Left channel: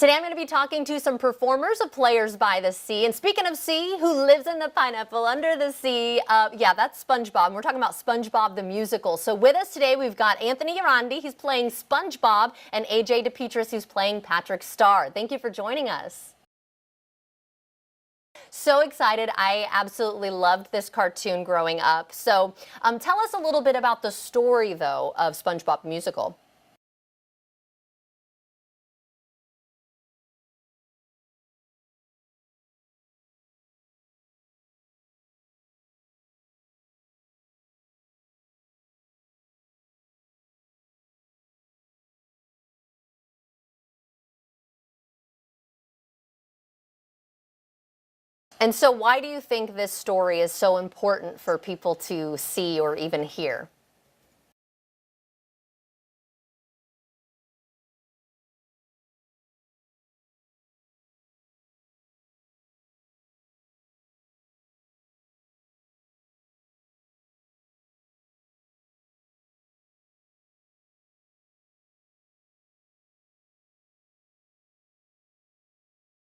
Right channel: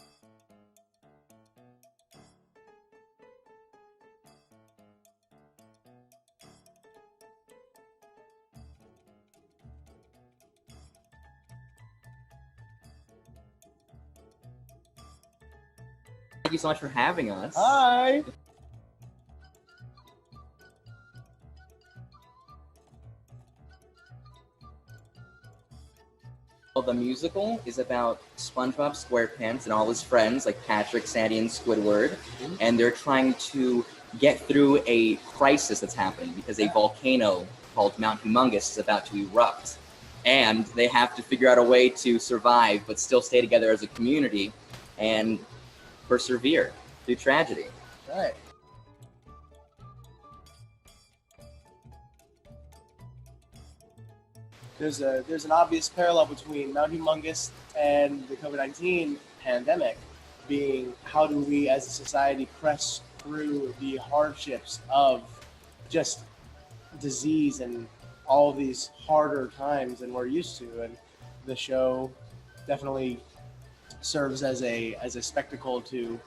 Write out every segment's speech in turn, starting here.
Today I'm going to be talking to some performers of Players by the Sea. And speaking of sea, who lives in the pineapple under the sea? Yeah, that's Spongebob. And we're talking about Spongebob the Musical. So with us today, we've got Anthony Llerandi. He's playing Spongebob, and DePetris, who's playing Patrick Star. Thank you for joining us. Thank you so much for having us. Hi. So excited. I absolutely loved this cartoon growing up. So tell us a little bit about the story, though, of Spongebob Musical. Well, the musical is about Spongebob SquarePants and all his friends, like Patrick, Sandy, and Squidward, and they're trying to get through a crisis that's happening because a volcano called Mount Humongous is about to erupt. And they have to figure out a way to survive, but still stay together as a community and persevere through tragedy. Right. And so why do you think this story is so important for people to see or even hear? There's an obvious parallel between Mount Humongous and the COVID-19 pandemic, being how do we as a society press through the hardships of just disease and all these harder times than we're used to. And the show definitely serves as a spectacle to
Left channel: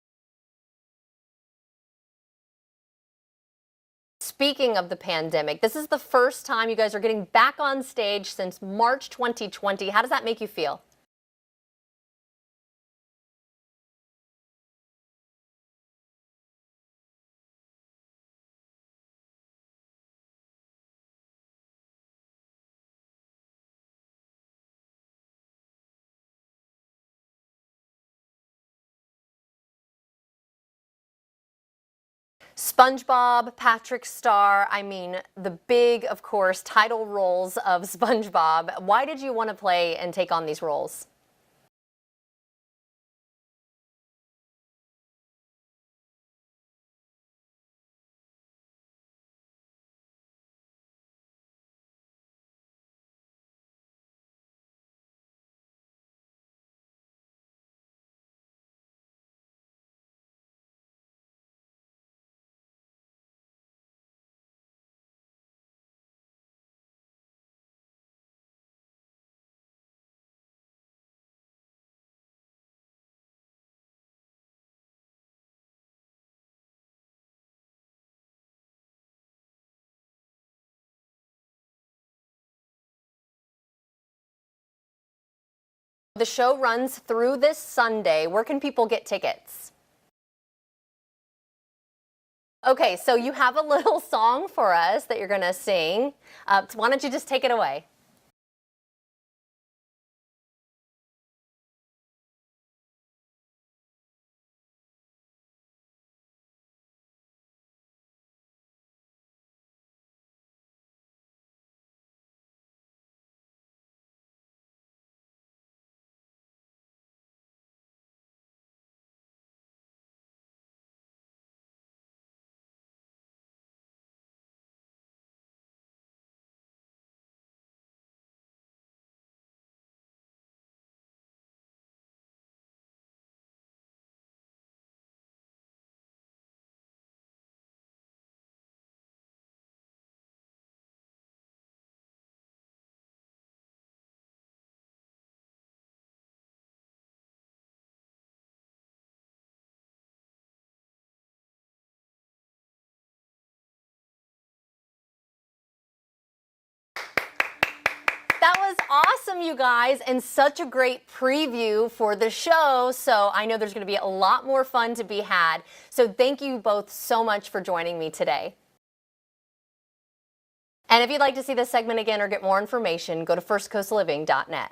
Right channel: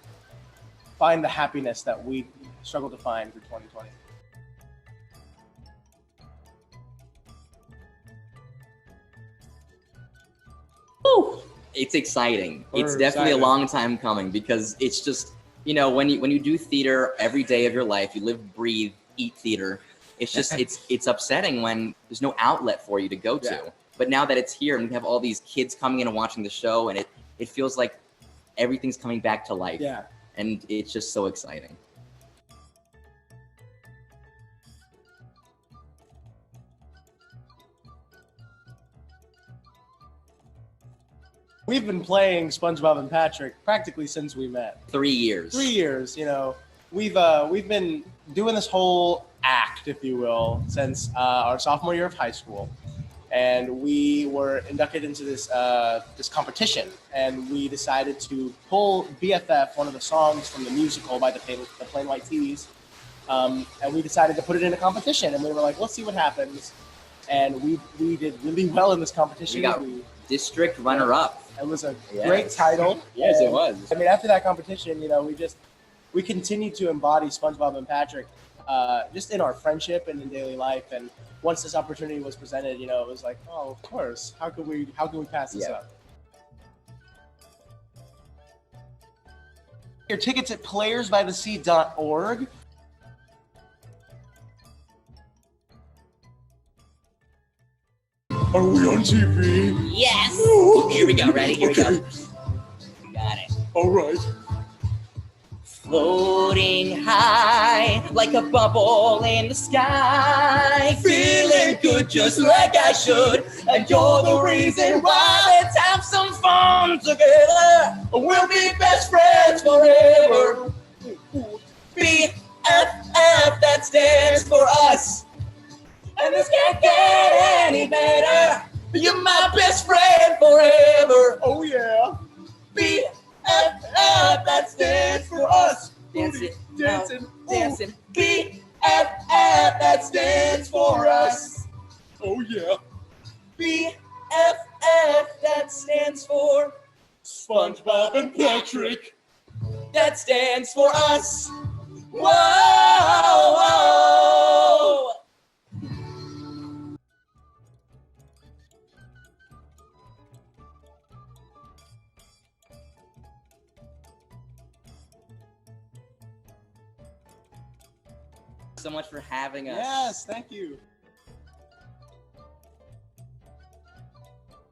find the happiness that we struggle to find through 2020. Speaking of the pandemic, this is the first time you guys are getting back on stage since March 2020. How does that make you feel? Woo! It's exciting. It's definitely a long time coming because it's just, you know, when you do theater every day of your life, you live, breathe, eat theater. It's just, it's upsetting when there's no outlet for you to go to. But now that it's here and we have all these kids coming in and watching the show, and it feels like everything's coming back to life. Yeah. And it's just so exciting. SpongeBob, Patrick Star, I mean, the big, of course, title roles of SpongeBob. Why did you want to play and take on these roles? We've been playing SpongeBob and Patrick practically since we met. 3 years. 3 years, you know. We've been doing this whole act, if you will, since our sophomore year of high school. And we were inducted into this this competition, and we decided to pull BFF, one of the songs from the musical by the Plain White T's, and we decided to put it in a competition. And we were like, let's see what happens. And we did really well in this competition. We got district runner-up. It was a great title. Yes, it was. I mean, after that competition, you know, we continued to embody SpongeBob and Patrick just in our friendship and in daily life. And once this opportunity was presented, you know, it was like, oh, of course. How can we pass this up? The show runs through this Sunday. Where can people get tickets? Your tickets at playersbythesea.org. Okay, so you have a little song for us that you're going to sing. Why don't you just take it away? Are we on TV? Yes! Here we go, ready? Here we go. We got it. All right. Floating high like a bubble in the sky, feeling good just like I should, and you're the reason why. Let's have some fun together. We'll be best friends forever. BFF, that stands for us, and this can't get any better. You're my best friend forever. Oh yeah. BFF, that stands for us. Dancing, Dancing, dancing. BFF, that stands for us. Oh yeah. BFF, that stands for SpongeBob and Patrick. that stands for us. Whoa, whoa. That was awesome, you guys, and such a great preview for the show. So I know there's going to be a lot more fun to be had. So thank you both so much for joining me today. So much for having us. Yes, thank you. And if you'd like to see this segment again or get more information, go to firstcoastliving.net.